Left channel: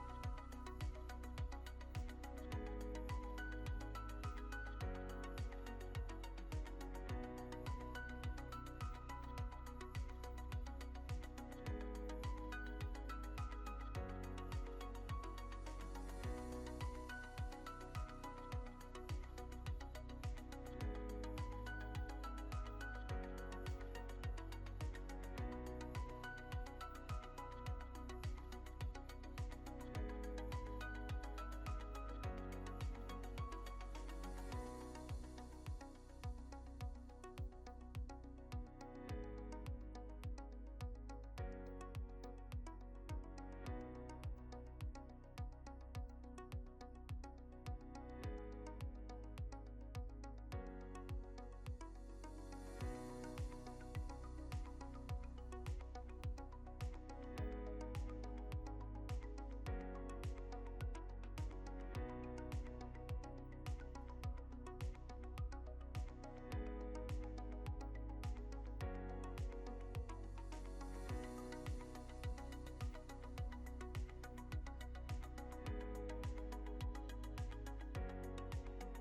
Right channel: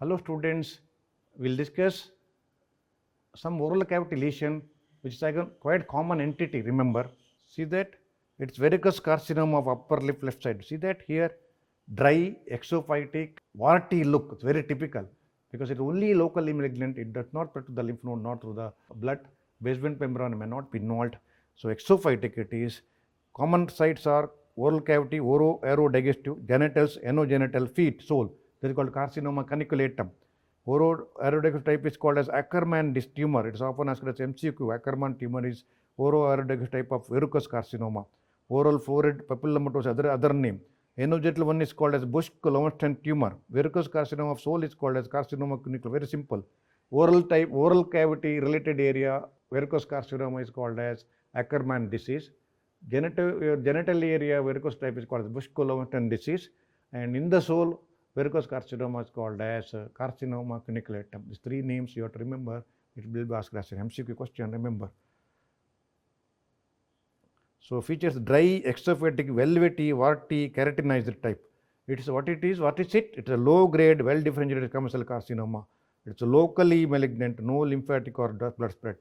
Hello students, we'll discuss some oral cavity lesion which is a quite common entity, remember. See that it's verrucous carcinoma of upper lip left side. See that here, dry, exophytic, warty look, it's very typical because it's only locally malignant, it does not penetrate the lymph node, not through the blood, basement membrane may not be involved. So exophytic it is. Common sites are oral cavity, oro-aerodigestive, genitals, anogenital, feet, sole. This is called carcinoma caniculatum. Oro-aerodigestive type is called as Ackermann disc tumor. It is often asked as MCQ. Ackermann tumor is oro-aerodigestive type of verrucous carcinoma. Oral florid papillomatosis, other name. Anogenital one is called as Busch-Lowenstein tumor. Verrucous carcinoma of sole is called as carcinoma caniculatum. Very simple. Oral cavity related area, verrucous carcinoma is called as Ackermann disease. Genital area verrucous type is called as Busch-Lowenstein disease, and in the sole verrucous carcinoma is called as carcinoma caniculatum. These three names you have to remember. It will be asked as an MCQ question, remember. So features dry, exophytic, velvety, warty, keratinized type. It is what it is. What is it? It's a low grade, well differentiated commercial carcinoma. It's locally malignant, no lymphatic or blood spread.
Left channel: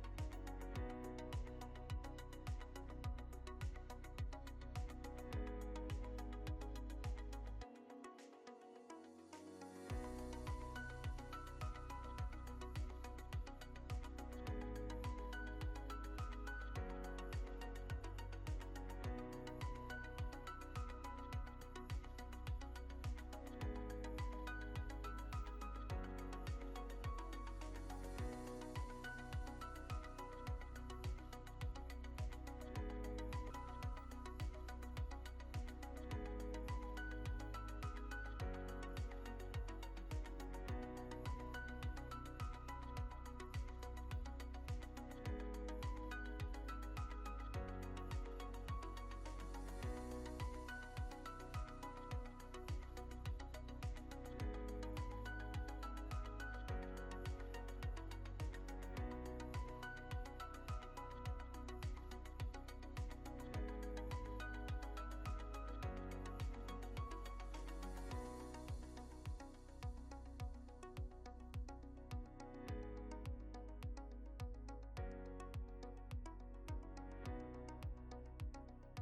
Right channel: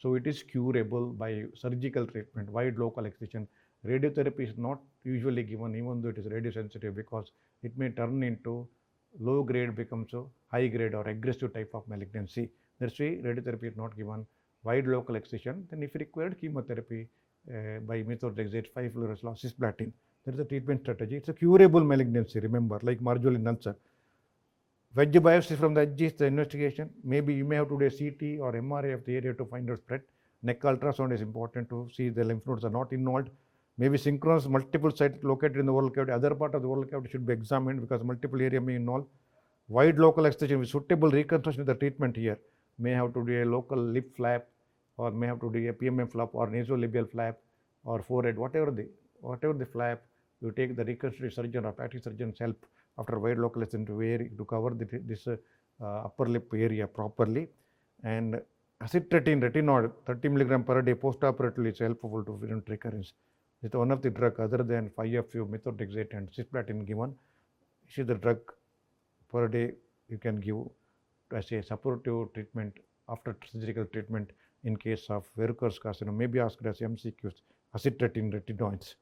So it is curable by surgical treatment, wide local excision. Radiotherapy is not usually given even though it is radiosensitive because it may turn into low grade becomes a high grade or aggressive type of malignancy. That's why radiotherapy is not given. Wide local excision, then if required chemotherapy by methotrexate, 5-fluorouracil, cisplatin. That is the treatment strategy. It's a curable malignancy, remember, like marginal ulcer. Wedge biopsy from the edge is the investigation. Maybe you may have to do a CT or MRI of the area to find out spread. Neck ultrasound is important to see the lymph nodes are not involved. Maybe synchronous multiple sites located in the oral cavity. Other part of the oral cavity should be examined because multiple area may involve. Wide local excision with suitable reconstruction of the treatment here. May have to do a local lip flap or may have to do a PMM flap or nasolabial flap or forehead, whatever the flap. You take the reconstructive surgeon or plastic surgeon's help after wide local excision to cover this upper lip area properly. And acitretin retinoid 30 mg per day postoperatively is helpful to prevent recurrence. It's one of the drug other than 5-FU, methotrexate and cisplatin given. This is the drug per day you can give as a supportive treatment after surgical treatment in case of verrucous carcinoma. May be asked as MCQs, acitretin retinoids.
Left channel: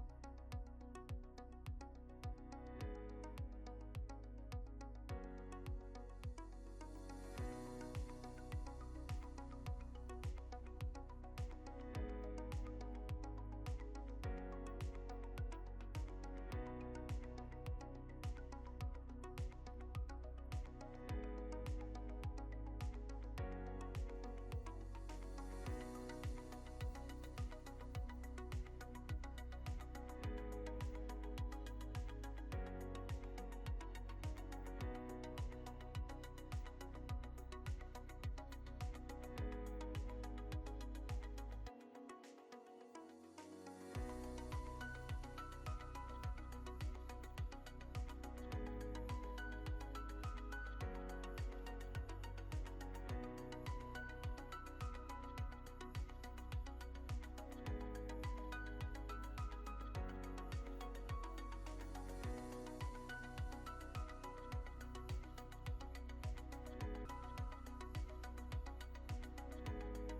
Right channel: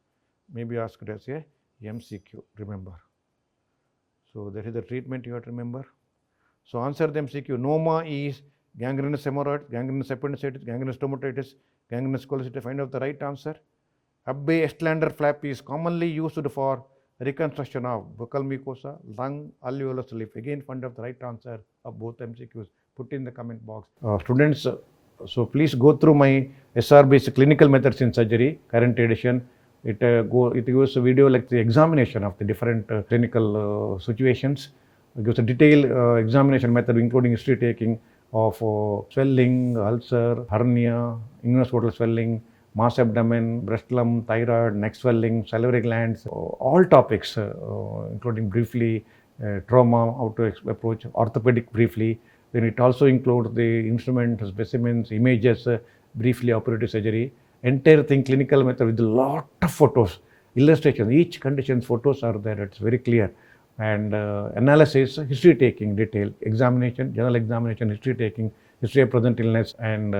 May be asked as a MCQ, remember. So that is the treatment you have to remember. So answer the MCQ. Noma is gangrenous hemorrhoid, gangrenous appendicitis, gangrenous stomatitis, gangrenous cholecystitis. Find out the right answer. Abbe Estlander flap is commonly used for reconstruction of buccal mucosa, lung, alveolus leaf. Again, find out the right answer of both MCQs. Put in the comment box. Students, so please go through my SRB's clinical methods in surgery, current edition. It gives a video like the examination of the different clinical situations. It gives a detailed examination method including history taking of swelling, ulcer, hernia, inguinal swelling, mass abdomen, breast lump, thyroid, neck swelling, salivary glands, all topics including briefly trauma, how to approach, orthopedic briefly. Then it also includes the instruments, specimens, images, briefly operative surgery. Entire thing clinical method with a lot of photos, illustrations, each condition's photos are there, it's very clear. And analysis, history taking, detail, examination, general examination, history taking, history of present illness and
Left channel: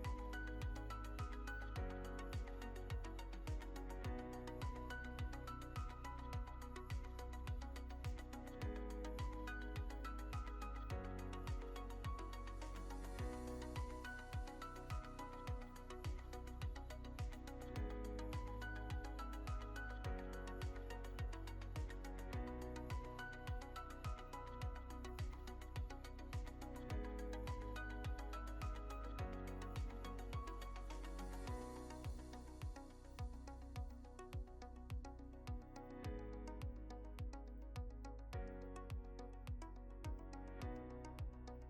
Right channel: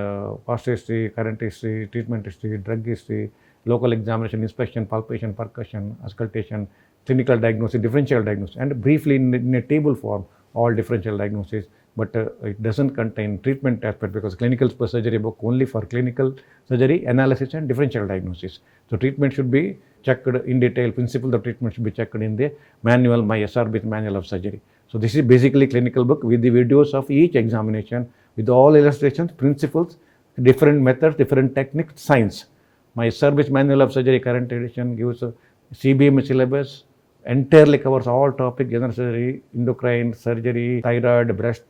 past history, current history, treatment history, drug history, local examination, inspection, palpation, percussion, auscultation, clinical diagnosis, differential diagnosis, and briefly in a table form, all differential diagnosis. But it doesn't contain treatment aspect because clinical surgery book only for clinical surgery, analysis and differential diagnosis. So treatment should be checked in detail, principles of treatment should be checked in the manual, my SRB manual of surgery. So this is basically clinical book with the videos of each examination with all illustrations, principles, different methods, different techniques, science. My SRB manual of surgery current edition gives a CBM syllabus, entirely covers all topics, general surgery, endocrine surgery, thyroid, breast,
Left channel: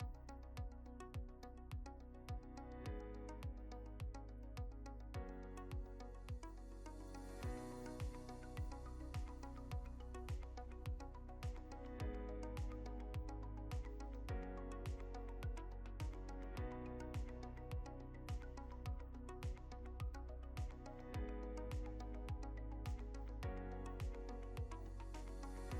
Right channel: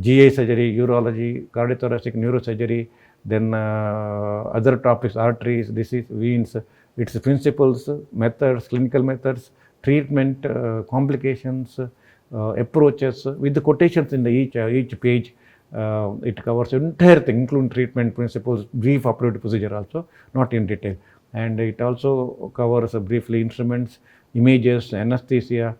GI surgery, urology, cardiothoracic, neurosurgery, then other topics, arteries, disease, veins, its principles, methods, clinical methods, treatment, complications, approaches, with the quotations in the each page. It covers entire thing, including treatment principles, brief operative procedure also, not in detail. And it also covers briefly instruments, images, anesthesia,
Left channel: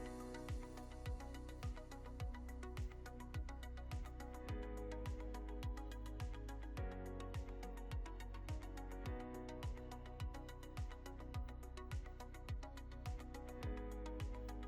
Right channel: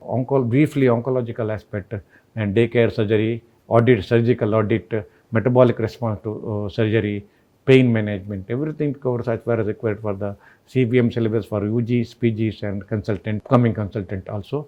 briefly oncological aspect, and daycare surgery, audit, surgical audit, metabolic response to surgery, pain management, everything covers as far as required for the CBM syllabus for UGs, PGs and consultant, coming consultant also,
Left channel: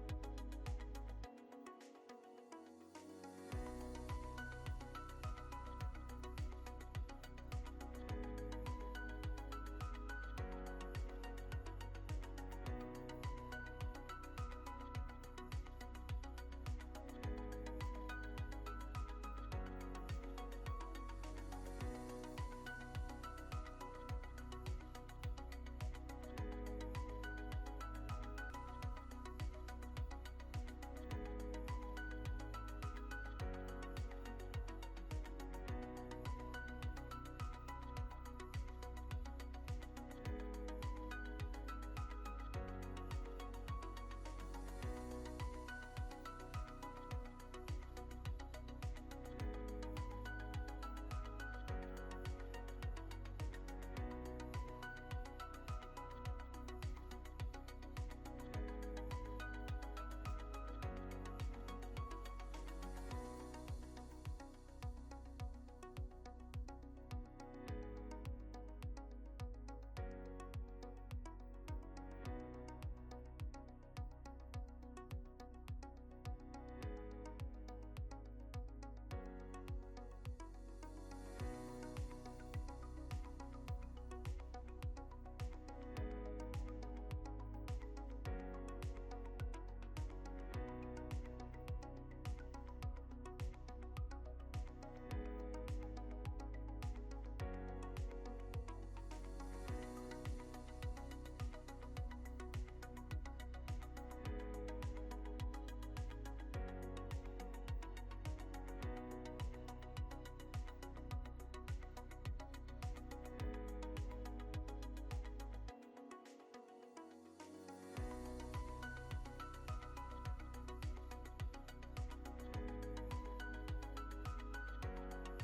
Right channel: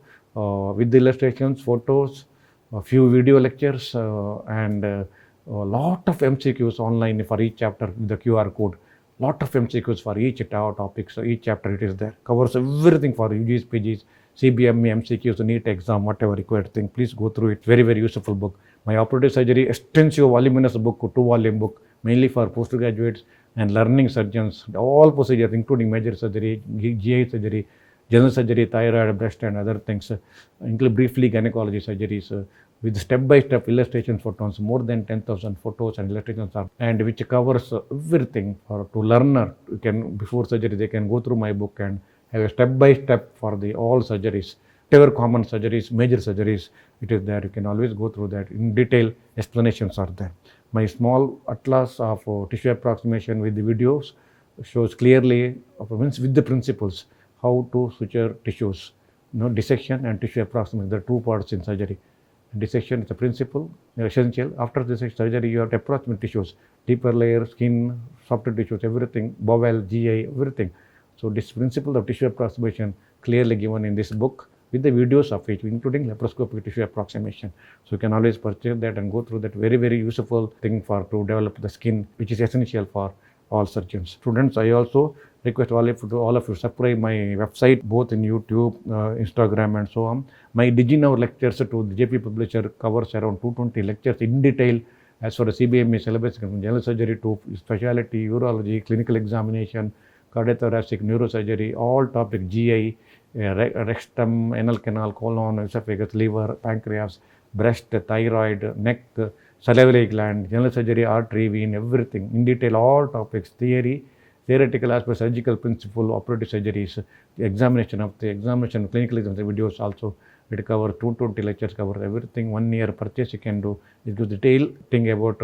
with the illustrations, photos, a few video lectures and a lot of MCQs online for each chapter with the QR code. Lot of MCQs for each topic, so each chapter it is there, covers everything for UGs, PGs, CBM, MCQs, NEET exam, whatever required thing. Please go through it. Very, very useful book. My operative surgery, extensive voluminous book, 2-volume book, mainly for postgraduates and learning surgeons. All procedures, including major surgery, GI surgery, general surgery, thyroid, breast, and other things, include briefly gynecology surgeries. With step-by-step illustrations photos, more than 10,000 photos and illustrations are, and which covers everything for to learner. You can, before surgery, they can go through my book and have a step-by-step for the all surgeries, whatever common surgeries, major surgeries, it is there. You can always go through that. In detail, explanations are there. My small atlas of tissue approximation with the videos shows clearly, with the principles, how to suture tissues. Dissection and tissue approximation, the two parts in surgery. Dissection is a principle, essential. After this surgery, you have to approximate tissues, deeper layer, skin, softer tissues, everything, bowel, GI, everything. So this principle of tissue approximation clearly given in this book with the videos of it, including laparoscopic tissue approximation. So you can always purchase that and go through that. Very, very useful thing for to develop the skin, which is essential for all surgeons. Students, I also request all of you subscribe my website, both in YouTube, Instagram and so on. My DigiNow lectures to the JP publisher covers around 220 lectures in detail as far as CBME syllabus, from general surgery to specialty, urology, clinical examination, cardiothoracic, neurosurgery, all topic, GI, rectum, anal canal, colon, esophagus, liver, pancreas, breast, thyroid, neck, salivary gland, general surgery, artery, vein, everything in detail, all topics, theoretical aspect, surgical principle, operative surgeries, the examination, clinical examination videos also. It covers 220 lectures, covers everything. 1 year purchase you can do. It gives detailed thing about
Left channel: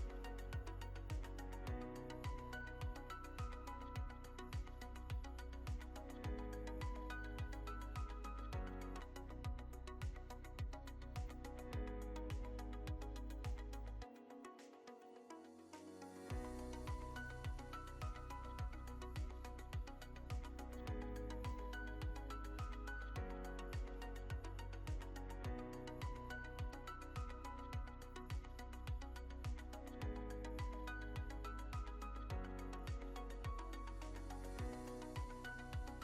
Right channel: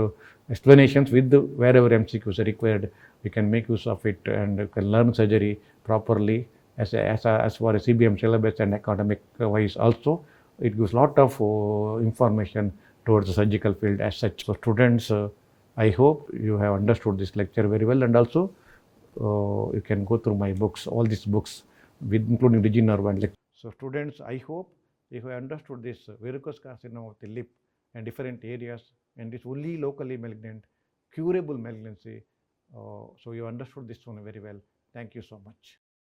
explanations with wherever MCQs are required. You can make use of it and you can learn surgery properly as far as CBM syllabus and academic wise also. It gives lot of information towards the surgical field as such. So students, I hope you have understood this lecture very well, and also you can go through my books, all these books, with including DigiNow and lecture. So students, I hope if you understood this verrucous carcinoma of the lip and different areas, and it's only locally malignant, curable malignancy, so you understood this one very well. Thank you so much.